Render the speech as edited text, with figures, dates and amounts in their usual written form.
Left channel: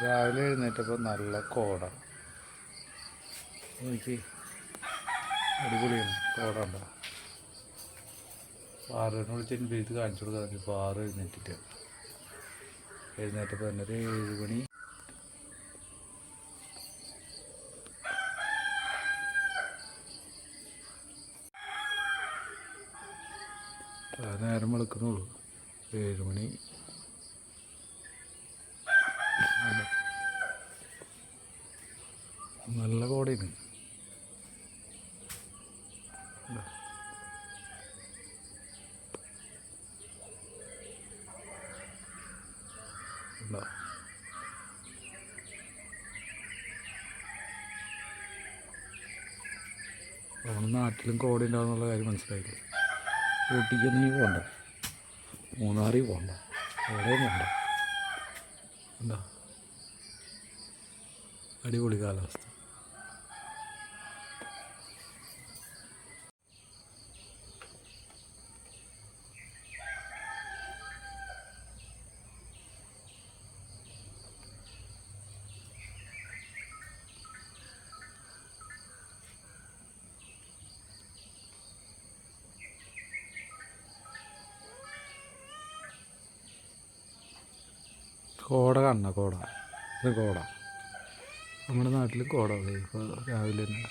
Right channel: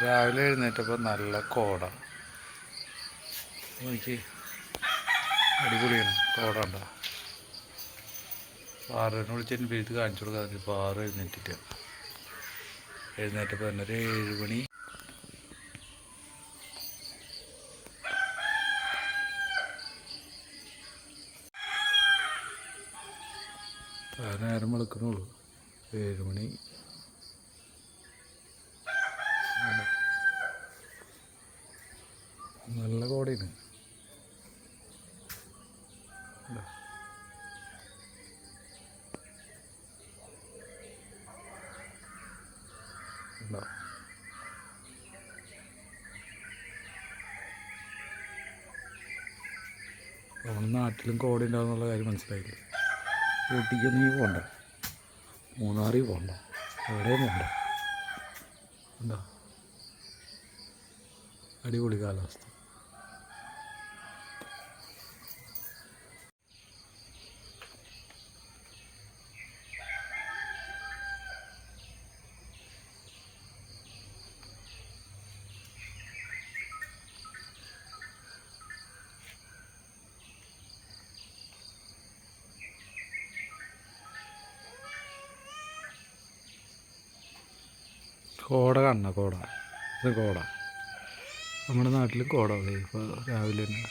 രാവിലെ എഴുന്നേറ്റപ്പോൾ നല്ല കോട നോക്കി, അടിപൊളിയാണ്. കോട ഉണ്ടോ? പാറുവിനെ വിളിച്ചതിന് വീട്ടിൽ കാണിച്ചു കൊടുക്കാതെ പാറു എഴുന്നേറ്റപ്പോൾ തന്നെ ഒരു 7 മണി. നേരം വെളുക്കുന്നുള്ളൂ. 7 മണി. നല്ല കോടയാണ്. നമ്മുടെ നാട്ടിലും കോട ഉണ്ടാകുന്നുള്ള കാര്യം മനസ്സിലായില്ലേ? ഊട്ടിക്കൊന്നും ഈ പോകണ്ട, മൂന്നാറിൽ പോകണ്ട, എവിടെയും പോകണ്ട. എന്താ അടിപൊളി കാലാവസ്ഥ. കോട കാണണം, കോട. ഇത് കോട. നമ്മുടെ നാട്ടിൽ കോട ഇപ്പോൾ രാവിലെ തന്നെ.